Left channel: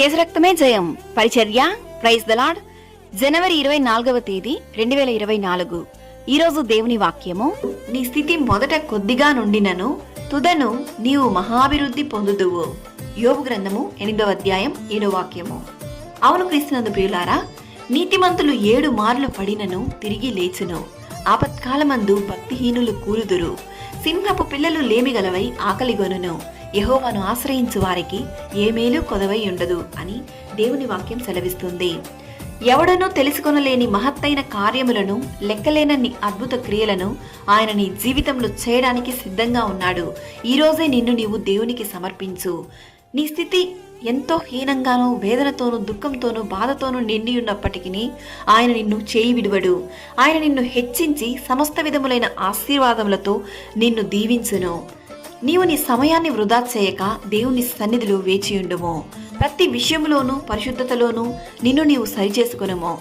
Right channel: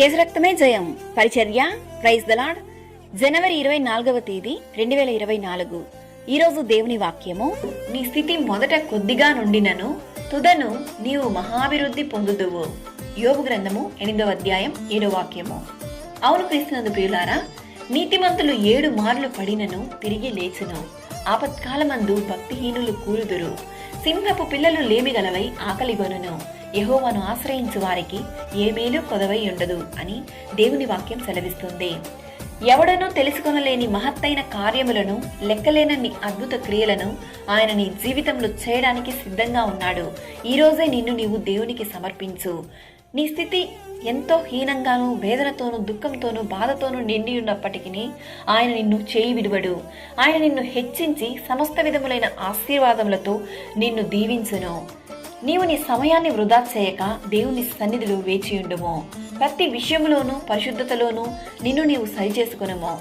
యేసు రక్తమే జయం పరిచర్య ప్రైజ్ ద లార్డ్. జనవరి 24వ తేదీ 2024. ఈరోజు దేవుని వాక్యము, నీ స్థితి మొదట కొద్దిగా నుండినను తుదను నీవు మహాభివృద్ధి పొందుదువు. యోబు గ్రంథము 8వ అధ్యాయం 7వ వాక్యము. అవును క్రీస్తునందు ప్రియులారా, నీతిమంతులు 7 మార్లు పడినను తిరిగి లేచును. ఆపత్కాలమందు భక్తిహీనులు కూలుదురు. సింహపు పిల్లలు లేమిగలవై ఆకలిగొనును. యెహోవాను ఆశ్రయించు వారికి ఏ మేలు కొదవై ఉండదు అని దేవుని వాక్యం సెలవిస్తుంది. ఎవడనూ తెలుసుకొనలేని మహత్తైన కార్యములను, లెక్కలేనన్ని అద్భుత క్రియలను ఆయన నీ జీవితంలో చేయడానికి సిద్ధంగా ఉన్నాడు. ఈ రోజే నిన్ను నీవు దేవునికి సమర్పించు. నీ స్థితి ఎంతో హీనంగానూ, వేదనతోనూ, దుఃఖంతోనూ, బాధతోనూ నిండి ఉన్నప్పటికీ ఆయన నిన్ను చేయి విడువడు. ఆయన నిన్ను హెచ్చించి సమస్త విధములైన ఆశీర్వాదములతో నిన్ను దీవించును. నీవు నీ సమయాన్ని వృధా చేయక దేవుని సన్నిధిలో వేచియుండుము. ప్రతి విషయంలోనూ పరిశుద్ధతలోనూ నిన్ను నీవు సరిచేసుకొనుము.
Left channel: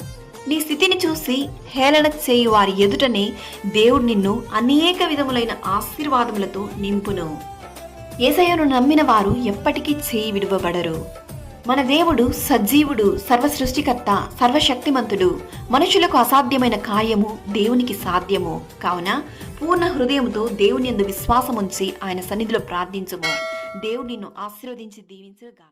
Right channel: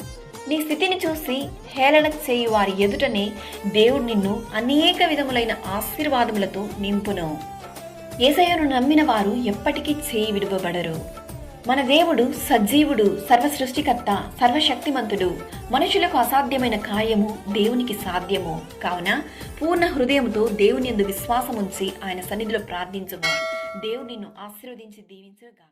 నీ స్థితిని చూసి హేళన చేయు వారి ఎదుటనే దేవుడు నిన్ను అనేక విధములైన ఆశీర్వాదములతో నింపును. యేసయ్యను నమ్మిన వారు ఎప్పటికీ చేయి విడువబడరు. మన దేవుడు సజీవుడు, సర్వ సృష్టికర్త, సర్వశక్తిమంతుడు. మనుషులకు అసాధ్యమైన కార్యము దేవునికి సాధ్యము. కావున పూర్ణ హృదయంతో దేవుని యందు విశ్వాసముంచి ఆయన సన్నిధిలో ప్రార్థించుము. దేవుడు నిన్ను ఆశీర్వదించి దీవించుగాక.